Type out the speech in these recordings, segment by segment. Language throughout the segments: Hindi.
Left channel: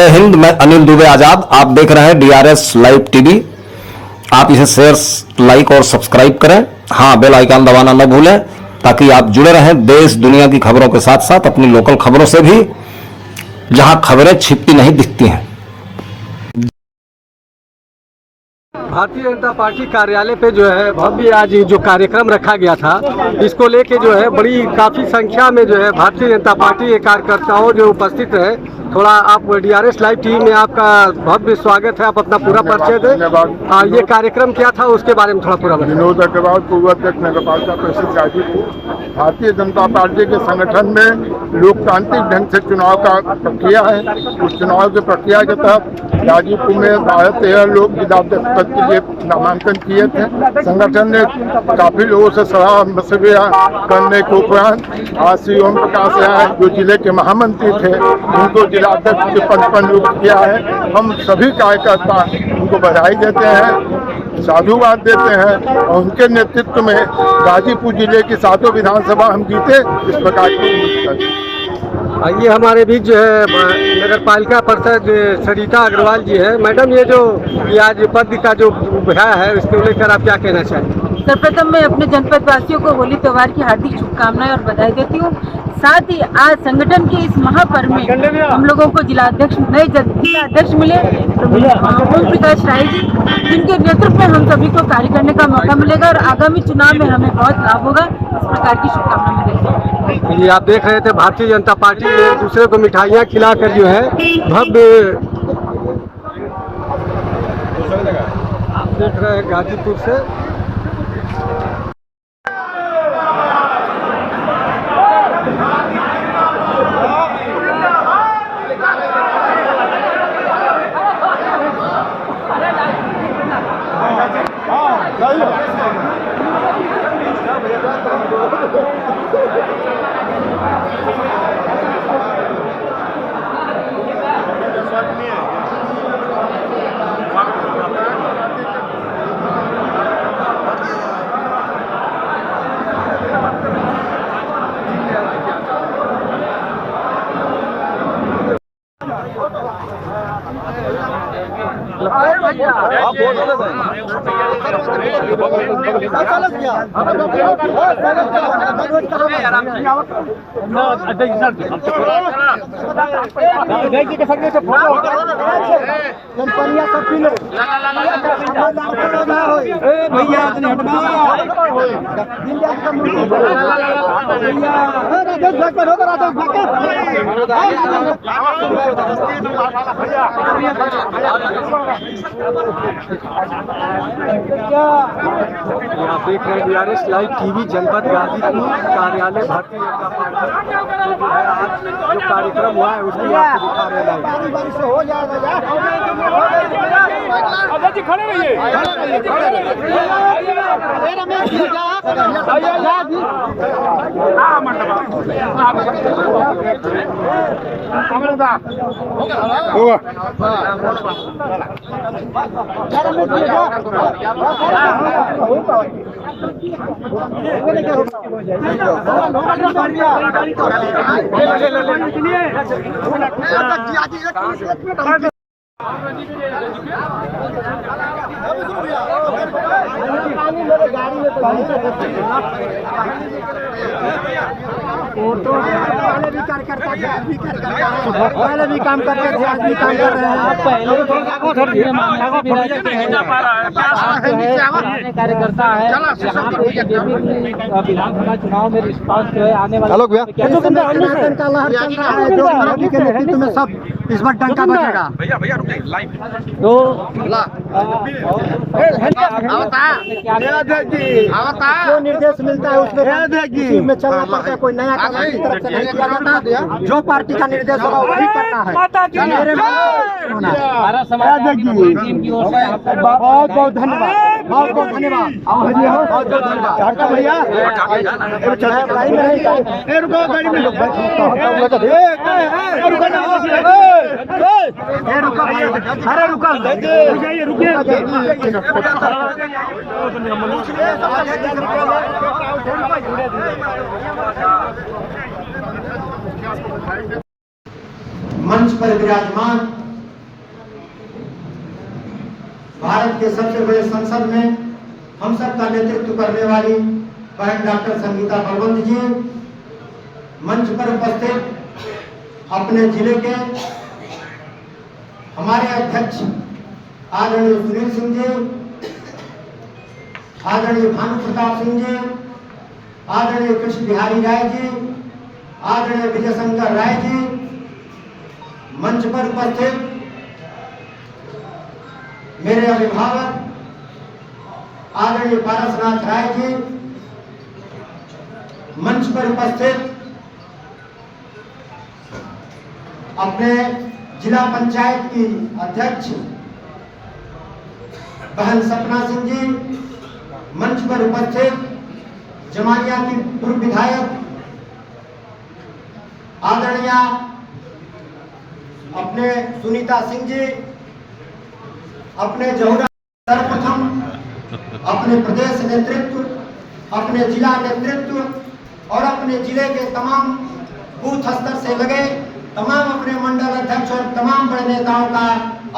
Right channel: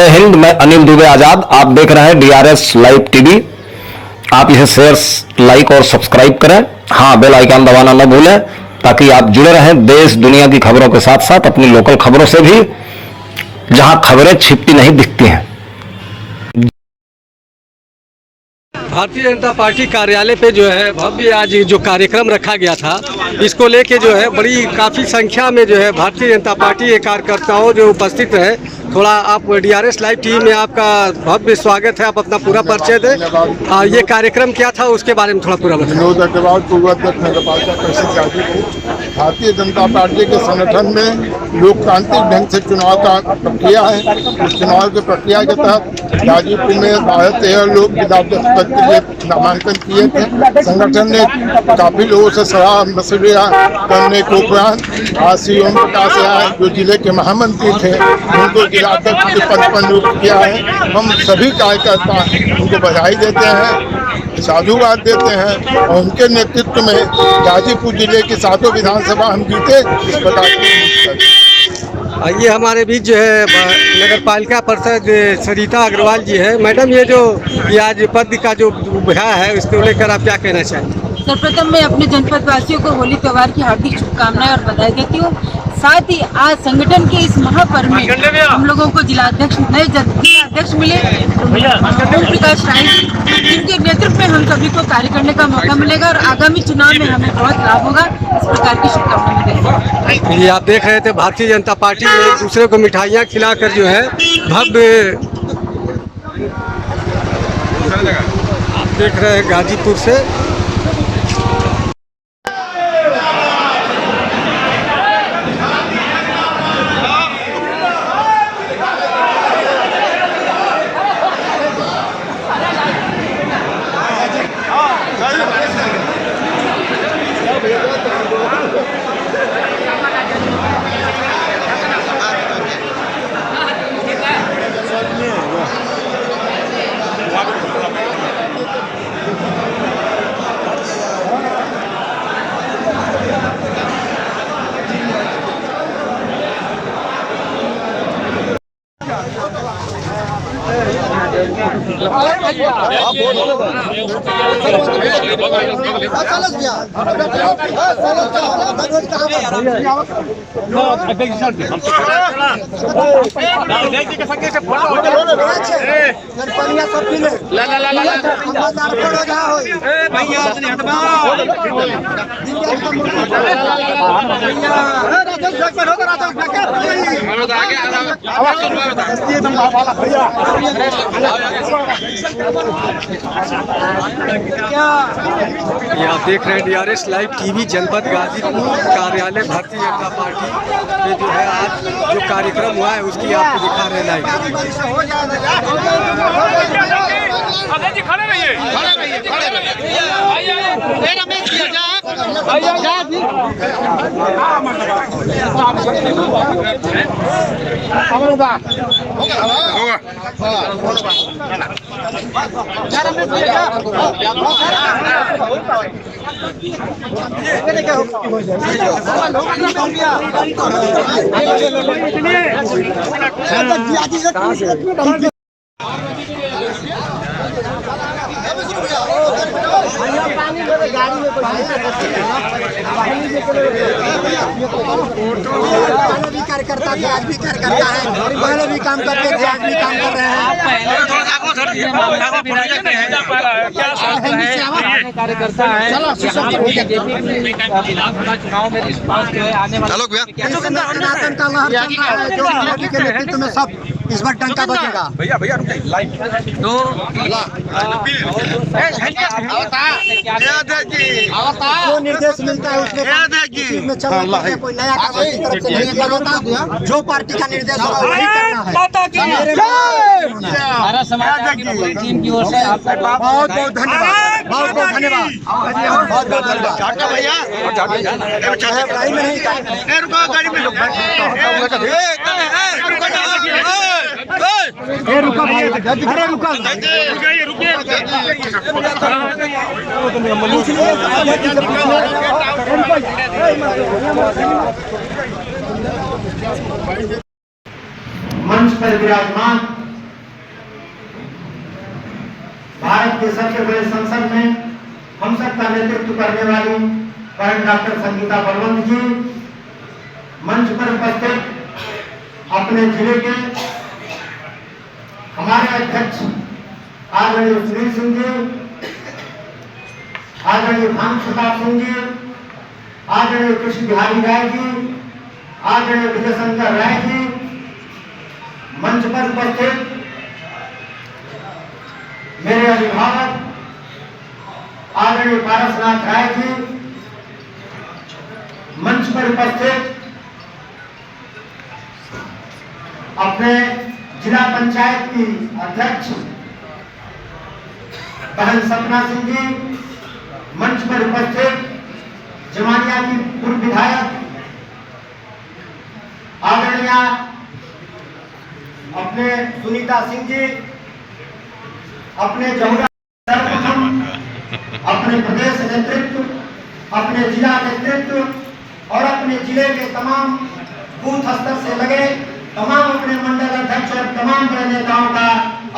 जय हिंद। मैं अनिल दुबे आजाद। आप देख रहे हैं डीआरएस लाइव टीवी। आप इसे शेयर, लाइक और सब्सक्राइब करें। हाँ, बेल आइकन दबाना न भूलें ताकि आप जुड़े रहें देश दुनिया की खबरों के साथ साथ अपनी लोकल खबरों से भी, जहां खबरें छिपती नहीं दिखती हैं। भारतीय जनता पार्टी कार्यालय पे जो है भव्य आज जो कार्यक्रम रखा गया था, इसको लेके जो है बड़ी काफ़ी संख्या में जो है भारतीय जनता पार्टी के कार्यकर्ताओं जो उपस्थित रहे। थोड़ा आप डीआरएस लाइव टीवी में आपका भव्य स्वागत है। आप अपना पूरा परिचय दें। ये कार्यक्रम क्या था उसके बारे में थोड़ा पूरा बताएं। विनोद अग्रवाल, पूर्व अध्यक्ष नगर पालिका परिषद गाजीपुर। भारतीय जनता पार्टी के संगठन में लोकतांत्रिक ढंग से चुनाव का प्रक्रिया है। इस चुनाव की प्रक्रिया के तहत गाजीपुर में 12-13 लोग विधायक पद के लिए नामांकन किए थे। संगठन ने काफी लोगों से सलाह मशविरा करने के उपरांत आज श्री ओम प्रकाश राय जो जिले के महामंत्री थे उनको जिला अध्यक्ष के पद पर नियुक्त किया है। हम सभी कार्यकर्ता उनको बधाई देते हैं, साधुवाद देते हैं और उनके नेतृत्व में गाजीपुर जिले की 7 विधानसभा हम जीते। इस प्रकार की ये हमारे बीच जो है नगर पालिका परिषद सरिता अग्रवाल जी है। मैडम, ये जो आज पद का जो उभरा है इसको लेकर आप क्या कहना चाहेंगे? सर्वप्रथम मैं अपने जनपद वासियों को होली त्यौहार की हार्दिक शुभकामनाएं और बधाई देती हूँ। साथ ही आज संगठन के इस महापर्व में हम लोगों को जिला अध्यक्ष मिले ओम प्रकाश राय जी, जिनके नेतृत्व में हम सभी को कार्य करने का मौका मिलेगा और आगामी चुनाव में हमें बहुत लाभ होगा। इस प्रकार की शुभकामनाएं देते हैं। ये आप देख रहे थे भारतीय जनता पार्टी में एक दूसरे को मिठाइयाँ खिलाकर जो है भव्य, आप देख रहे हैं गाजीपुर से। ये आप देख रहे हैं डीआरएस लाइव टीवी जनपद गाजीपुर कार्यालय भारतीय जनता पार्टी में जो है आज जो कार्यक्रम हुआ है उसकी आपको दिखा रहे हैं पहले भी कार्यकर्ता थे, आज भी कार्यकर्ता है। पहले भी काम करते थे, आज भी काम कर रहे हैं। कार्यकर्ता है विधानसभा चुनाव में रिस्पांस जो है आने वाला सनातन का लहर चल रहा है जो मोदी के नेतृत्व में सब इस बार डंका बजेगा। तो जो निर्देश मिलता है उसमें चलना पड़ता है। कोई नया काम की तरफ से नहीं किया जाता। जो पार्टी का निर्देश होगा वही करना है। सारा समाज टीम की ओर से बहुत बहुत धन्यवाद, बहुत बहुत धन्यवाद, बहुत बहुत धन्यवाद भैया। अरे रुका मंच पर विराजमान भारत के सबसे बड़े संसद में हम सबका नेतृत्व करने वाली बहन डॉक्टर संगीता बलवंत जी, मंच पर उपस्थित अपने जिले के हमारे अध्यक्ष आदरणीय सुनील सिंह जी, आदरणीय भानु प्रताप सिंह जी, आदरणीय कृष्ण बिहारी राय जी, आदरणीय विजय शंकर राय जी, मंच पर उपस्थित मेरे अभिभावक आदरणीय पारसनाथ राय जी, मंच पर उपस्थित अपने जिला पंचायत की अध्यक्ष बहन सपना सिंह जी, मंच पर उपस्थित जमानिया की पूर्व विधायक आदरणीय अपने सुनीता सिंह जी, अपने जहुरा सर्वप्रथम अपने प्रदेश नेतृत्व, अपने जिला नेतृत्व और अपने जिले के तमाम बूथ स्तर से लगे तमाम अपने मंडल अध्यक्ष और तमाम बड़े नेताओं का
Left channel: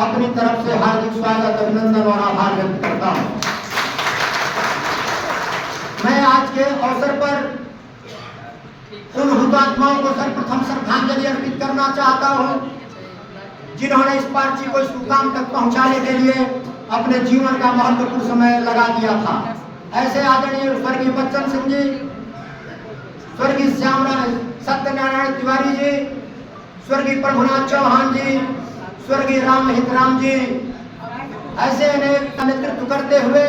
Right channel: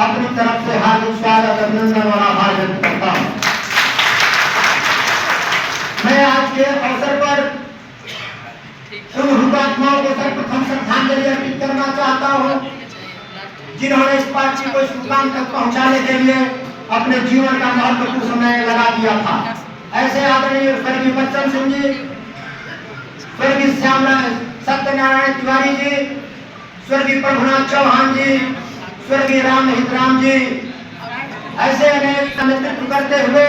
अपनी तरफ से हार्दिक स्वागत, अभिनंदन और आभार व्यक्त करता हूं। मैं आज के अवसर पर उन हुतात्माओं को सर्वप्रथम श्रद्धांजलि अर्पित करना चाहता हूं जिन्होंने इस पार्टी को इस मुकाम तक पहुंचाने के लिए अपने जीवन का महत्वपूर्ण समय लगा दिया था। ऐसे आदरणीय स्वर्गीय बच्चन सिंह जी, स्वर्गीय सत्यनारायण तिवारी जी, स्वर्गीय प्रभुनाथ चौहान जी, स्वर्गीय राम हितराम जी, ऐसे अनेक नेतृत्व करते हुए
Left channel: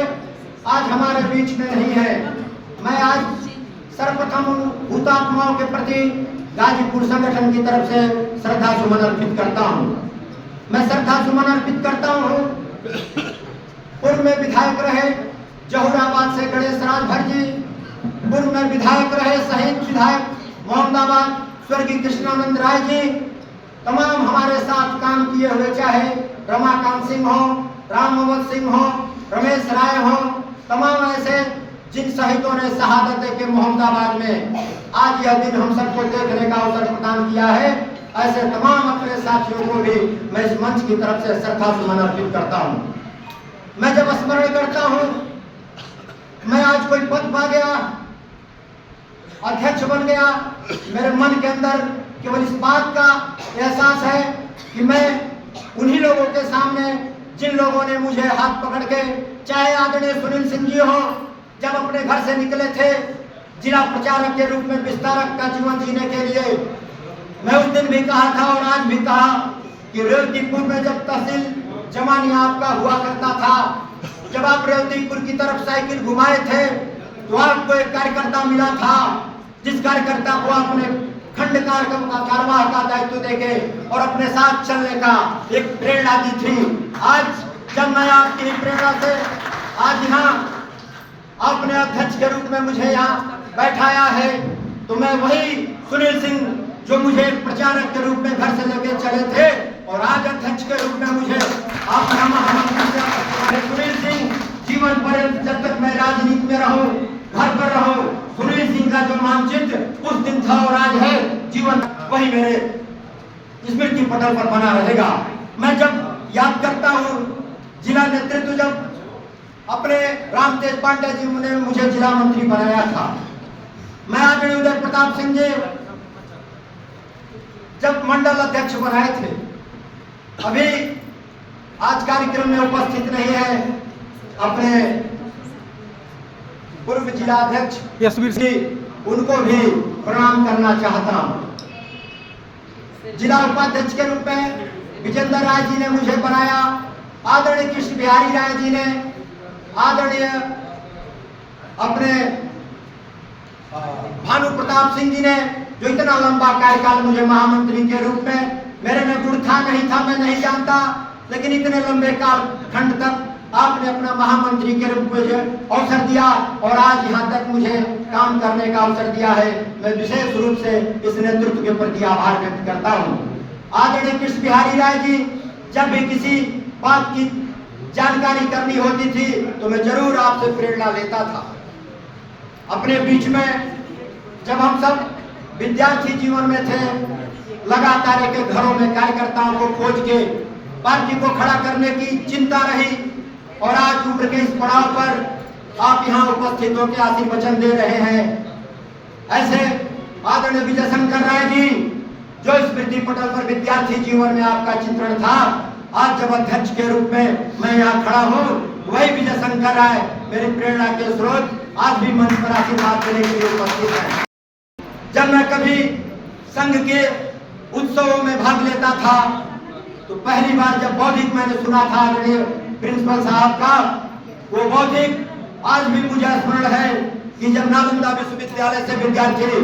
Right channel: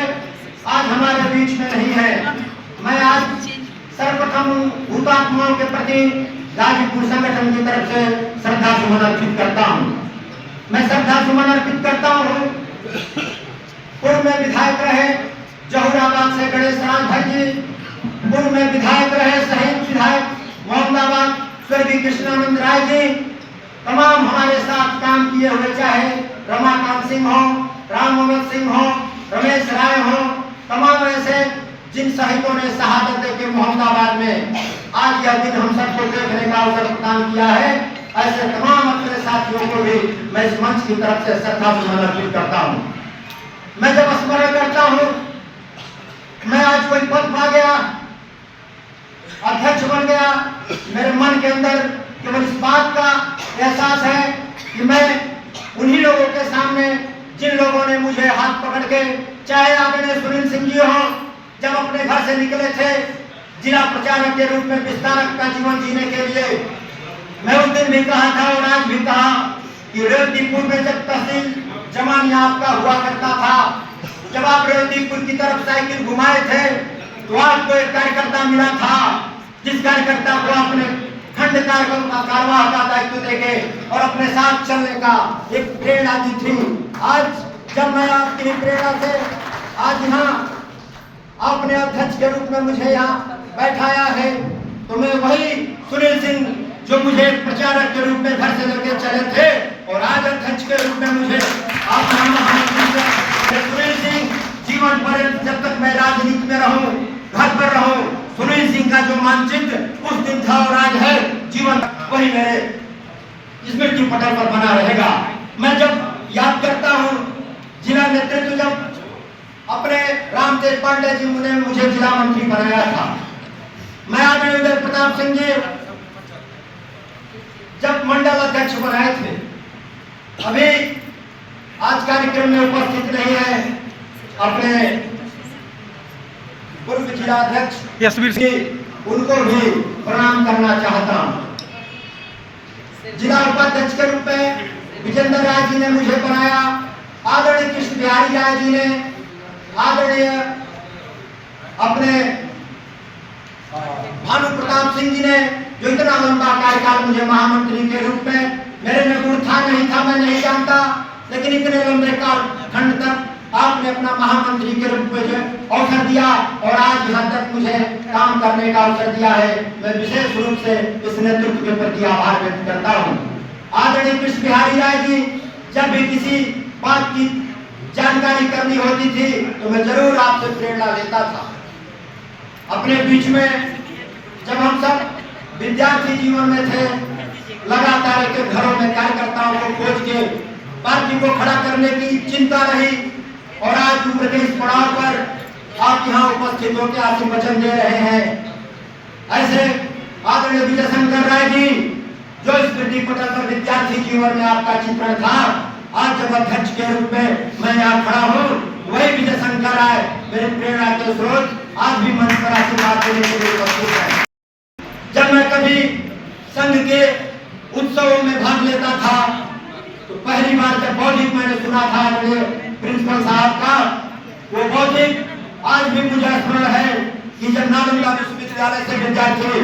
आज हमारे बीच में नहीं है। मैं आज सर्वप्रथम हुतात्माओं के प्रति गाजीपुर संगठन की तरफ से श्रद्धा सुमन अर्पित करता हूं। मैं श्रद्धा सुमन अर्पित करता हूं पूर्व में विधायक रहे जहुराबाद से गणेश राजभर जी, पूर्व में विधायक रहे शहीद विधायक मोहम्मदाबाद स्वर्गीय कृष्णानंद राय जी, तमाम हमारे साथ काम किए हुए, चाहे रमाकांत सिंह हो, राम मोहम्मद सिंह हो, रमेश राय हो, तमाम ऐसे जिन शहीदों ने शहादत देके मोहम्मदाबाद में आज यह दिन हम सबको देखने का अवसर प्रदान किया है, ऐसे तमाम अपने साथियों को भी मैं इस मंच की तरफ से श्रद्धा सुमन अर्पित करता हूं। मैं जब स्मरण करता हूं, मैं आज कोई पद पा गया, अध्यक्ष बन गया, मेरे मन के अंदर केवल इस बात का एहसास है कि मैं उन्हीं लोगों के सामने जिन लोगों ने मुझे हाथ पकड़ के, चाहे आदरणीय सुनील सिंह जी हो, जब अपने घर से निकले थे जिला प्रचारक के रूप में विस्तारक का जीवन जीने के लिए, मैं उस दिन भी कहा था और आज भी कहा कि रेवतीपुर में जब तहसील जमानिया आपका हुआ करता था, जब आप रेवतीपुर की तरफ साइकिल घुमाए थे तो आपको एक कार्यकर्ता मिला था जिस कार्यकर्ता को आपने खंड कार्यवाह का दायित्व देके और अपने साथ चलने का एक प्रेरणा दी थी। आज जब मैं आपकी प्रेरणा से आज यहाँ अपने अध्यक्ष के रूप में मुझे यहाँ बैठाया है, तो मैं वही सुनील सिंह जो मुझे प्रचारक के रूप में घर से लेकर चले थे और आज अध्यक्ष के रूप में मुझे सुनील सिंह जीवन पर्यंत जब तक मैं राजनीति में रहूं, घर पर रहूं, सुनील सिंह का जो मानचित्र उस दिन था और आज है, जीवन वही मेरे स्मृति पटल पर बना रहेगा। मैं जब याद करता हूं जिला नेतृत्व जब अपने रामतेज पांडे जी ने मुझे जिला मंत्री बनाया था, मैं आदरणीय उदय प्रताप सिंह जी जब मंडल अध्यक्ष बनाए थे, अभी आज कार्यक्रम में उपस्थित नहीं है अपने पूर्व जिला अध्यक्ष यशवीर सिंह, उनको भी प्रणाम करना चाहता हूं। जिला उपाध्यक्ष के रूप में विजेंद्र राय जी ने मुझे बनाया, आदरणीय कृष्ण बिहारी राय जी ने, आदरणीय अपने भानु प्रताप सिंह जी ने, जो इतना लंबा कार्यकाल मुझे महामंत्री के रूप में, मेरे में गुण था नहीं था मैं नहीं जानता, लेकिन इतने लंबे काल खंड तक आपने अपना महामंत्री के रूप में जो अवसर दिया और आज यहाँ तक मुझे काम करने का अवसर दिया है, मैं विशेष रूप से इस नेतृत्व के प्रति आभार व्यक्त करता हूँ। आदरणीय कृष्ण बिहारी राय जी जब भी किसी बात की जानकारी करनी होती थी तो मैं जरूर आपसे प्रेरणा लेता था। अपने बीच में जब हम सब विद्यार्थी जीवन में थे, लगातार एक घरों में कार्यकर्ताओं को खोज के पार्टी को खड़ा करने की चिंता रही, और आज उम्र के इस पड़ाव पर आप यहाँ उपस्थित होकर आशीष वचन दे रहे हैं। ऐसे आदरणीय विजय शंकर राय जी जो स्मृति पटल पर विद्यार्थी जीवन में आपका चित्रण था, आज जब अध्यक्ष के रूप में मैं यहाँ खड़ा हूँ, वही विजय शंकर राय मेरी प्रेरणा के स्रोत आज भी मंच पर आशीर्वाद देने के लिए उपस्थित है। जब मैं कभी संघ के उत्सवों में भाग लेता था तो पहली बार जब बौद्धिक मैंने सुना था आदरणीय प्रिंसिपल साहब का, वो बौद्धिक आज भी मुझे स्मरण है कि जब नालंदा विश्वविद्यालय से विद्यार्थी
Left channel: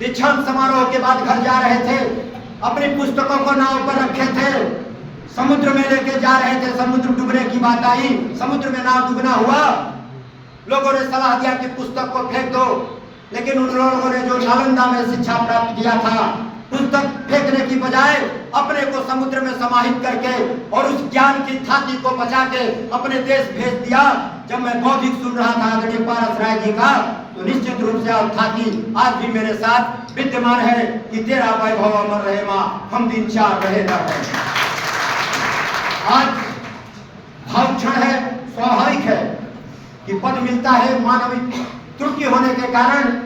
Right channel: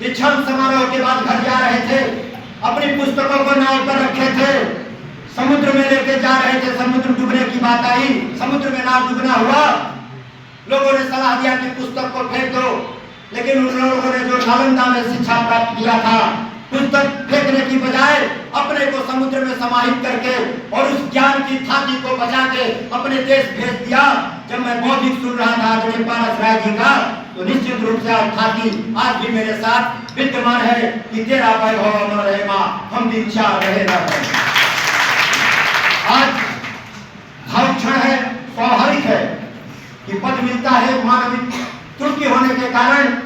दीक्षांत समारोह के बाद घर जा रहे थे, अपनी पुस्तकों को नाव पर रखे थे, समुद्र में लेके जा रहे थे, समुद्र डूबने की बात आई, समुद्र में नाव डूबना हुआ, लोगों ने सलाह दिया कि पुस्तक को फेंक दो, लेकिन उन लोगों ने जो नालंदा में शिक्षा प्राप्त किया था, पुस्तक फेंकने की बजाय अपने को समुद्र में समाहित करके और उस ज्ञान की थाती को बचा के अपने देश भेज दिया। जब मैं बौद्धिक सुन रहा था आदरणीय पारस राय जी का, तो निश्चित रूप से थाती आज भी मेरे साथ विद्यमान है कि तेरा वैभव अमर रहे माँ, हम दिन चार रहे न रहे। आज भाव क्षण है, स्वाभाविक है कि पद मिलता है, मानविक त्रुटि होने के कारण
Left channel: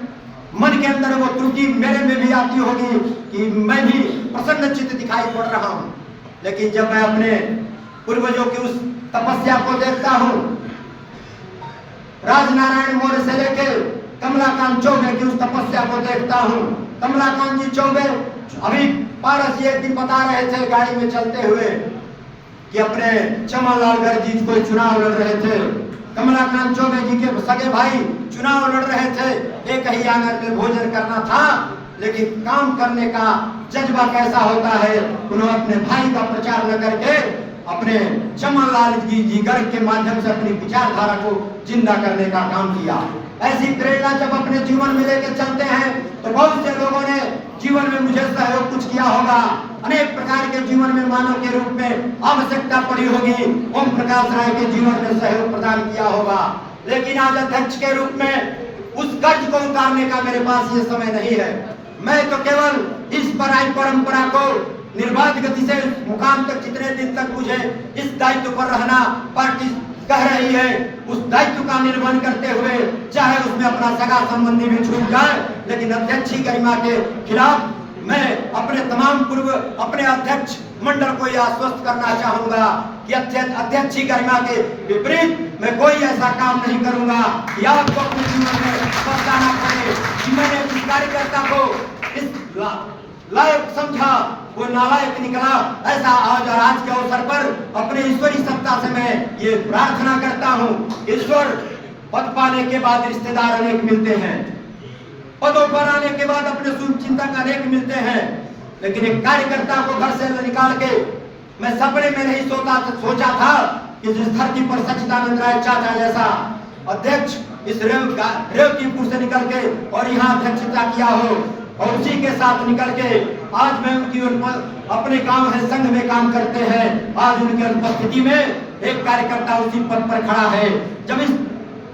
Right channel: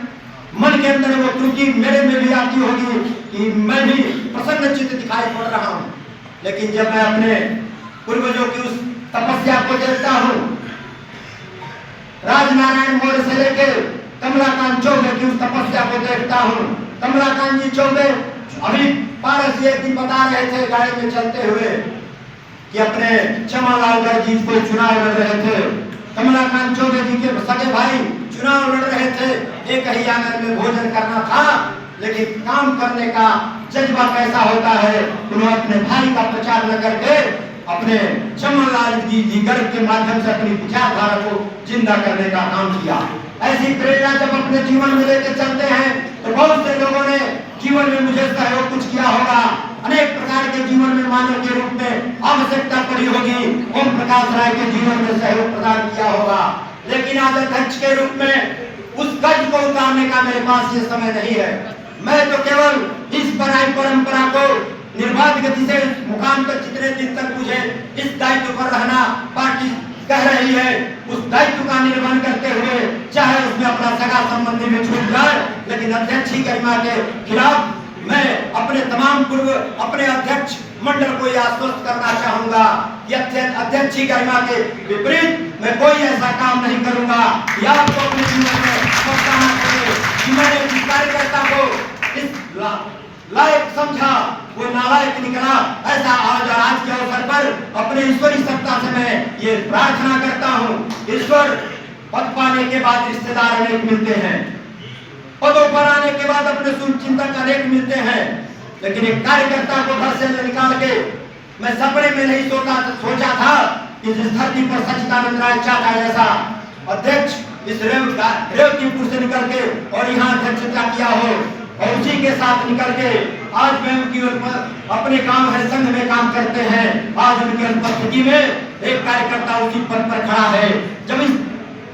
मन के अंदर वो त्रुटि मेरे में भी आती होगी कि मैं भी प्रसन्न चित्त दिखाई पड़ रहा हूँ, लेकिन जब मैं अपने पूर्वजों की उस तपस्या को देखता हूँ, राजनारायण मौर्य से लेके कमलाकांत चौबे की उस तपस्या को देखता हूँ। कमलाकांत जी चौबे अभी पारस एक दिन बता रहे थे गाड़ी में चलते हुए कि अपने चमनलाल गर्ग जी को चुनाव लड़ रहे थे, कमलाकांत चौबे जी के सगे भाई चुनाव लड़ रहे थे, एक ही आंगन में भोजन करना था, लेकिन काम करने का जज्बा कैसा होता है, उन्होंने अपने भाई का प्रचार न करके अपने चमनलाल जी गर्ग के माध्यम से अपनी विचारधारा को जिंदा करने का काम किया। ऐसी प्रेरणा जब अपने जीवन में लेकर चलते हैं तो बहुत से लोगों ने जीवन में मुझे सहयोग कुछ किया होगा, अनेक प्रकार के जीवन में मानव के रूप में आवश्यकता पड़ी होगी, ओम प्रकाश राय के जीवन में सहयोग प्रदान किया होगा, लेकिन आज अध्यक्ष के रूप में उस कर्ज को उतारने का मेरे पास ये समय नहीं है। मैं तो केवल इस पराई परंपरा को निर्बाध गति से मुकाम तक जितने दिन तक मुझे इस दायित्व पर रहना पार्टी कह रही है, उस दायित्व का निर्वहन करते हुए चाहे उसमें अपना सगा संबंधी भी छूट जाए, लेकिन अध्यक्ष की गरिमा के खिलाफ मैं अपने तमाम पूर्व अपने अध्यक्ष मंडल को यह आश्वस्त करना चाहूंगा कि अध्यक्ष की गरिमा के विपरीत मैं कोई ऐसा काम नहीं करूंगा कि आपको अपने जीवन में पहुंचाना पड़े कि मैंने इस कार्यकर्ता को इस लायक समझा, वो नालायक निकला। ऐसा आज के अवसर पर अपने ईश्वरी सत्ता से मैं ये प्रार्थना करता हूँ। ईश्वर पद पाने के बाद रिश्तेदार अनेक मिलते हैं, पदों पर आने के बाद अपने शुभचिंतक अनेक मिलते हैं, लेकिन एक कार्यकर्ता को घर से निकाल के मैं सपने में नहीं सोचा था कि जिस धरती पर सच्चिदानंद राय चाचा जैसा अध्यक्ष इस रेवतीपुर से निकल के और यहाँ अध्यक्षता किया हो, और उसी के साथ निकल के आज मैं उनकी अपने काम है संघ में काम करते हैं, आज उनकी उपस्थिति में एक कार्यकर्ता उसी पद पर खड़ा है। जब इस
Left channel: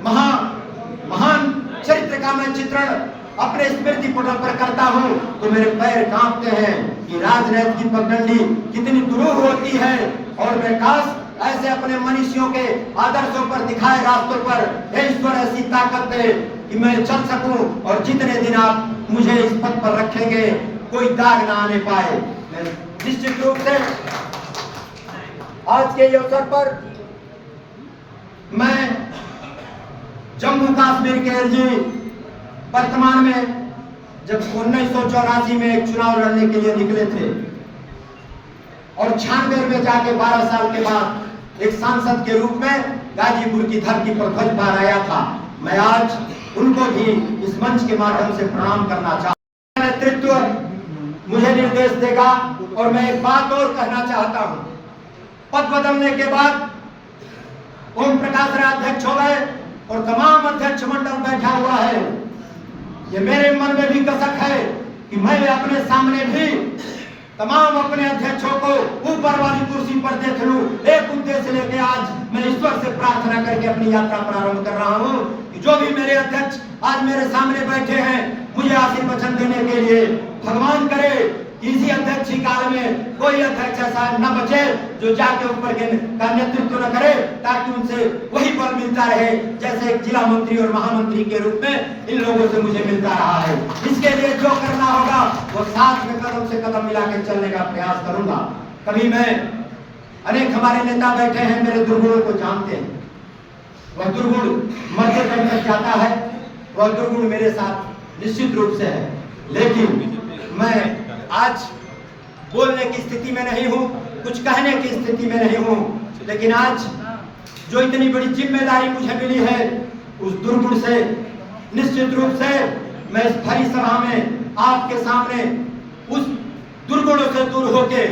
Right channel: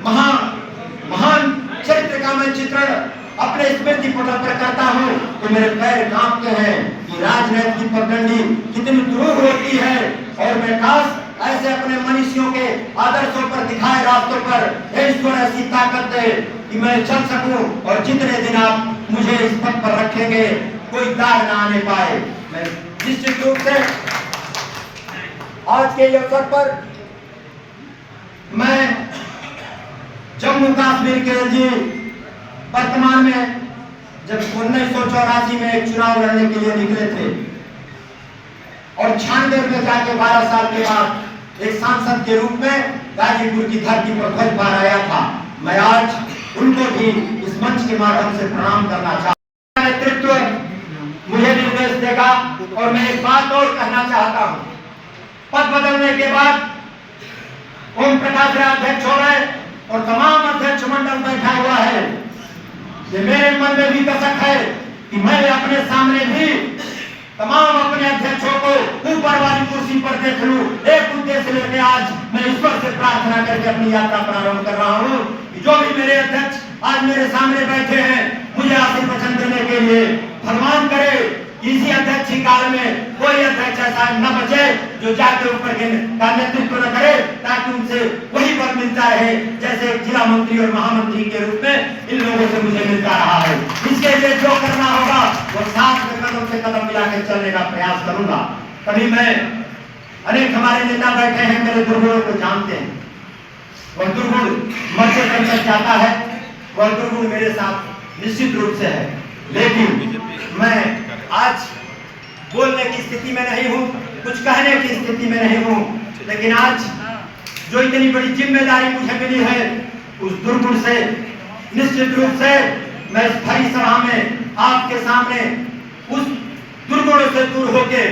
महान चरित्र का मैं चित्रण अपने स्मृति पटल पर करता हूँ तो मेरे पैर कांपते हैं कि राजनीति की पगडंडी कितनी दुरूह होती है, और मैं काश ऐसे अपने मनीषियों के आदर्शों पर दिखाए रास्तों पर ईश्वर ऐसी ताकत दे कि मैं चल सकूं, और जितने दिन आप मुझे इस पद पर रखेंगे कोई दाग ना आने पाए। मैं निश्चित रूप से आज के अवसर पर मैं जम्मू कश्मीर के जी वर्तमान में जब 1984 में एक चुनाव लड़ने के लिए निकले थे और 96 में जाके 12 साल के बाद एक सांसद के रूप में गाजीपुर की धरती पर ध्वज फहराया था, मैं आज उनको भी इस मंच के माध्यम से प्रणाम करना चाहता हूं। नेतृत्व मुझे निर्देश देगा, और मैं एक बात और कहना चाहता हूं, पद बदलने के बाद ओम प्रकाश राय अध्यक्ष हो गए और तमाम अध्यक्ष मंडल बैठा हुआ है, ये मेरे मन में भी कसक है कि मैं अपने सामने भी तमाम अपने अध्यक्षों को ऊपर वाली कुर्सी पर देख लूं। एक उद्देश्य लेके आज मैं ईश्वर से प्रार्थना करके अपनी यात्रा प्रारंभ कर रहा हूं कि जो भी मेरे अध्यक्ष आज मेरे सामने बैठे हैं, मुझे आशीर्वचन देने के लिए भगवान करे इसी अध्यक्ष काल में कोई अध्यक्ष ऐसा न बचे जो जाके ऊपर का नेतृत्व न करे, ताकि उनसे वही पद मिलता रहे जैसे जिला मंत्री और महामंत्री के रूप में इन लोगों से मुझे मिलता रहा है। इसके लिए जो करना होगा वो साथ में कदम से कदम मिलाकर चलने का प्रयास करूंगा। कभी मैं अनेक हमारे नेता बैठे हैं, मेरे दुर्गुणों को जानते हैं। वह दुर्गुण मर्चे तक जाता है, वह दुर्गुण मेरे साथ निश्चित रूप से है, लेकिन मैं आज बोलने की स्थिति में नहीं हूं, कुछ कहने की स्थिति में नहीं हूं, लेकिन आज जो इतनी बड़ी जिम्मेदारी मुझे मिली है उस दुर्गुण से निश्चित रूप से मैं इस भरी सभा में आपके सामने उस दुर्गुणों से दूर होके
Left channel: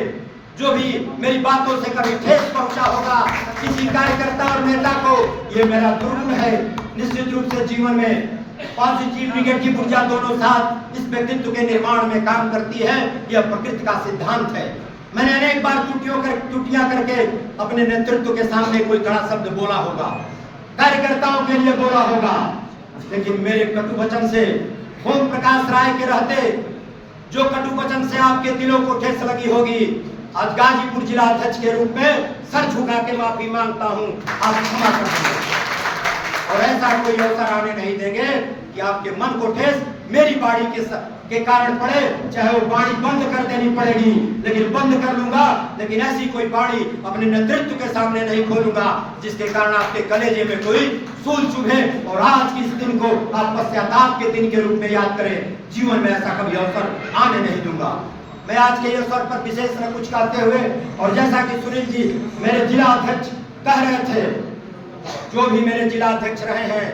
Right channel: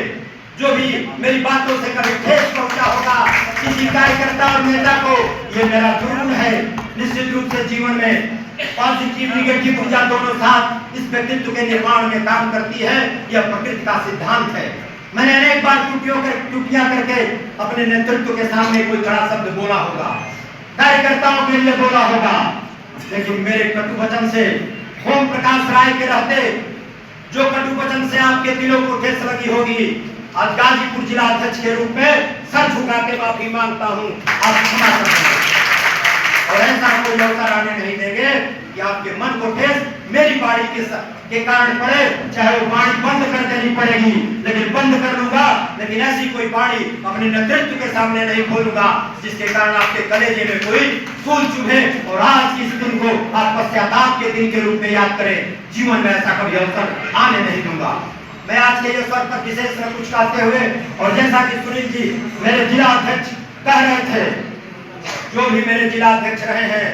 जो भी मेरी बातों से कभी ठेस पहुंचा होगा किसी कार्यकर्ता और नेता को, ये मेरा दुर्गुण है। निश्चित रूप से जीवन में पॉजिटिव निगेटिव ऊर्जा दोनों साथ इस व्यक्तित्व के निर्माण में काम करती है, यह प्रकृति का सिद्धांत है। मैंने अनेक बार टूटियां करके अपने नेतृत्व के सामने कोई कड़ा शब्द बोला होगा, कार्यकर्ताओं के लिए बोला होगा, लेकिन मेरे कटु वचन से ओम प्रकाश राय के रहते जो कटु वचन से आपके दिलों को ठेस लगी होगी, आज गाजीपुर जिला अध्यक्ष के रूप में सर झुका के माफी मांगता हूं, आप क्षमा कर दें और ऐसा कोई अवसर आने नहीं देंगे कि आपके मन को ठेस मेरी बाड़ी के कारण पड़े, चाहे वो बाड़ी बंद कर देनी पड़ेगी, लेकिन बंद कर लूंगा, लेकिन ऐसी कोई बाड़ी अपने नेतृत्व के सामने नहीं खोलूंगा जिसके कारण आपके कलेजे में कोई सूल चुभे और आज इस दिन को आप पश्चाताप के दिन के रूप में याद करें। जीवन में ऐसा कभी अवसर आने नहीं दूंगा। मैं आज के अवसर पर विशेष में कुछ कहते हुए, और जैसा कि सुनील जी मेरे जिला अध्यक्ष कह रहे थे, जो भी मेरे जिला अध्यक्ष रहे हैं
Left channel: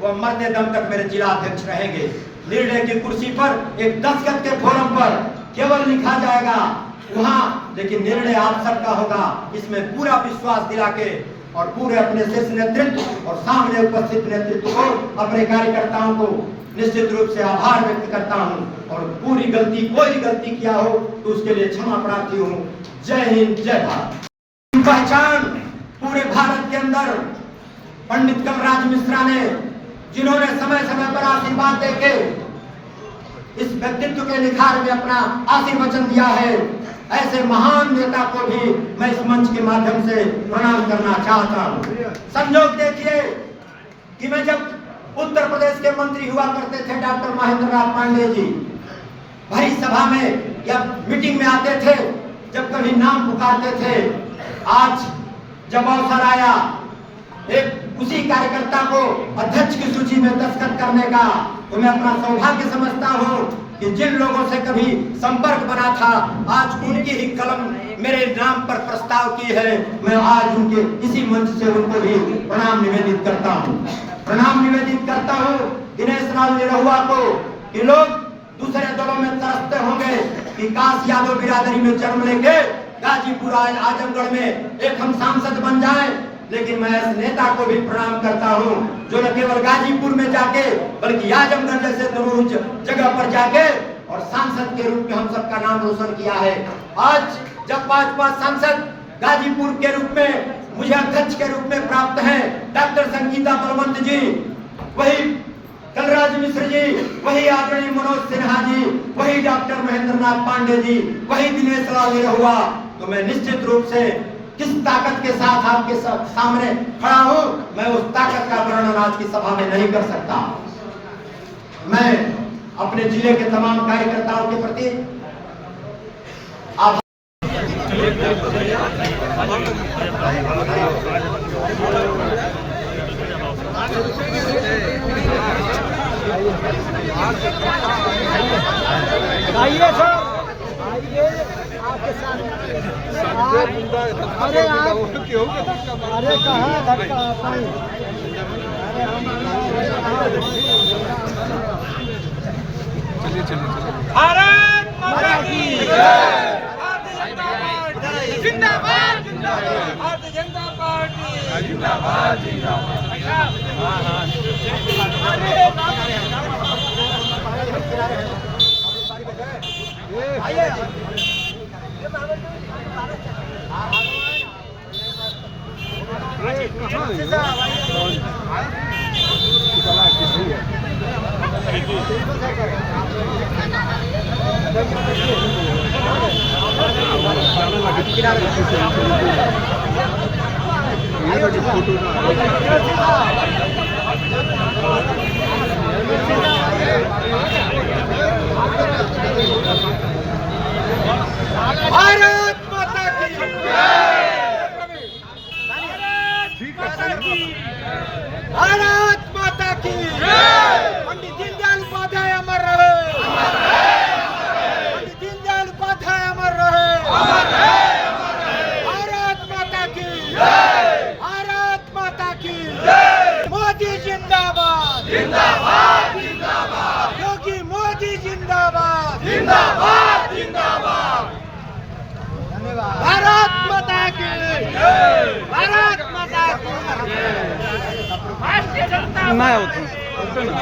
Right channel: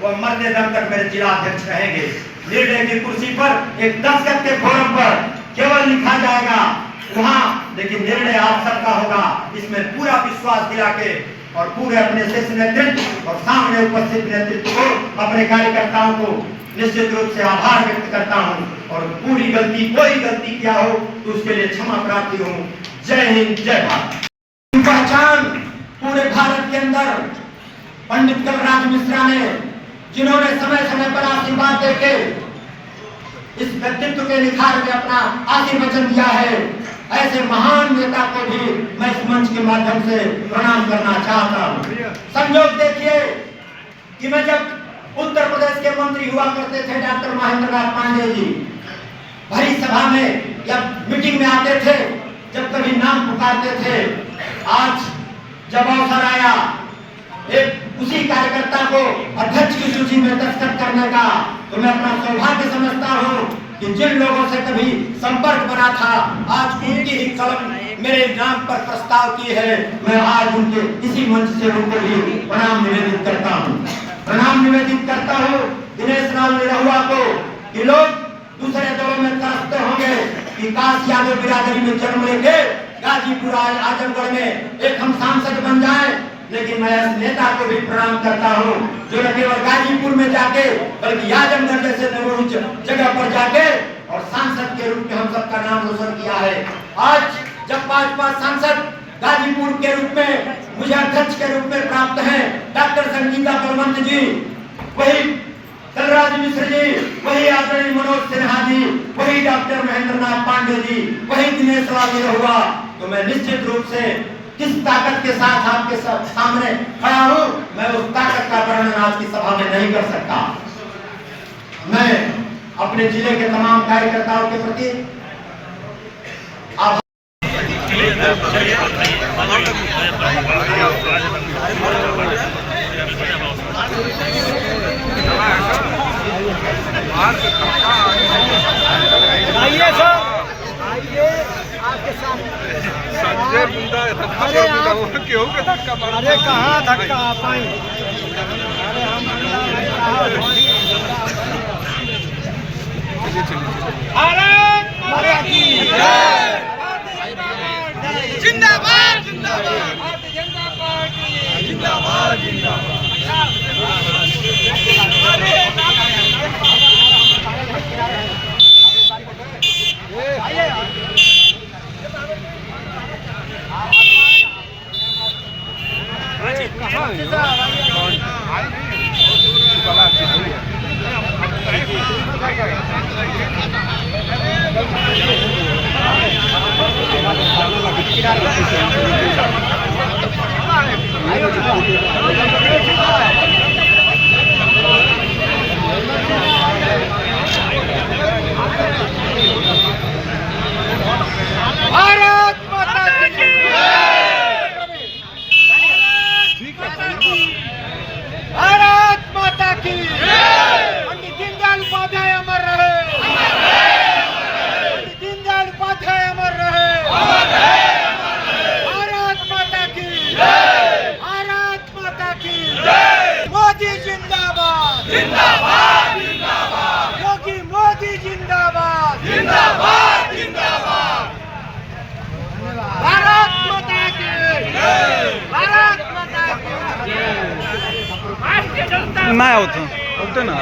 वह मरते दम तक मेरे जिला अध्यक्ष रहेंगे। निर्णय की कुर्सी पर एक दस्तखत के फोरम पर केवल लिखा जाएगा वहां, लेकिन निर्णय आप सबका होगा, इसमें पूरा विश्वास दिला के और पूरे अपने शीर्ष नेतृत्व और सामने उपस्थित नेतृत्व को, अपने कार्यकर्ताओं को निश्चित रूप से आभार व्यक्त करता हूं और पूरी गलती कोई गलती किया हो तो उसके लिए क्षमा प्रार्थी हूं। जय हिंद, जय भारत। पहचान पूरे भारत के अंदर पंडित कलराज मिश्रा ने, जिन्होंने समय समय पर आशीर्वाद देके इस व्यक्तित्व के निखार में अपना आशीर्वचन दिया है, ऐसे महान नेता को भी मैं इस मंच के माध्यम से प्रणाम करना चाहता हूं। संयोग देखिए कि मैं जब उत्तर प्रदेश के मंत्री हुआ करते थे डॉक्टर महेंद्र नाथ पांडे जी भरी सभा में या मीटिंग में आते थे, जब कभी नाम पुकारते थे, आज जब अवसर आया एक उसी कार्यकर्ता को अध्यक्ष की सूची में दस्तखत करने का, तो मैं अपना सौभाग्य समझता हूं कि जिन लोगों से कभी संपर्क बना था, आज उनकी ही कलम मेरे नाम पर प्रस्ताव की है। मैं आज उनके इसी मंच से उनको भी प्रणाम निवेदित करता हूं, प्रणाम निवेदित करता हूं दिनेश लाल निरहुआ को। कि लोग दूसरे दलों में तरसते होंगे कि काश यादव बिरादरी में जन्म लेके गाजीपुर आजमगढ़ में एक हम सांसद बन जाए, लेकिन मैं इस नेता को भी प्रणाम करता हूं जो न केवल गाजीपुर में जाके बल्कि आजमगढ़ जैसे नमूज जगह पर जाके और सांसद के रूप में हम सबका नाम रोशन किया है। आज जब 5 सांसद गाजीपुर के रूप में मुझे अध्यक्ष के रूप में प्राप्त हैं, डॉक्टर संगीता बलवंत जी, वही कलराज मिश्र जी, वही आदरणीय मनोज सिन्हा जी, वही डॉक्टर महेंद्र नाथ पांडे जी, वही दिनेश लाल निरहुआ, तो मैं निश्चित रूप से किस ताकत के साथ आपके सामने खड़ा हूं, मैं उस ताकत का वर्णन आज की सभा में नहीं कर सकता। मैं अपने जिले के तमाम कार्यकर्ताओं के प्रति आभार आइए सर, आइए आपके साथ। संजय मुंडा अरे क्यों के धक्का मार? अरे कहाँ धक्का आप आई? अरे हम भारत माता की जय, जिंदाबाद जिंदाबाद, भारतीय जनता पार्टी जिंदाबाद जिंदाबाद। कहाँ भारत माता की भारत माता की पंडित दीनदयाल उपाध्याय अमर रहे, पंडित दीनदयाल उपाध्याय अमर रहे, भारत माता की भारत माता की मोदी जिंदाबाद जिंदाबाद जिंदाबाद, योगी मोदी जिंदाबाद जिंदाबाद जिंदाबाद, भारत माता की भारत माता की नाही होतं ना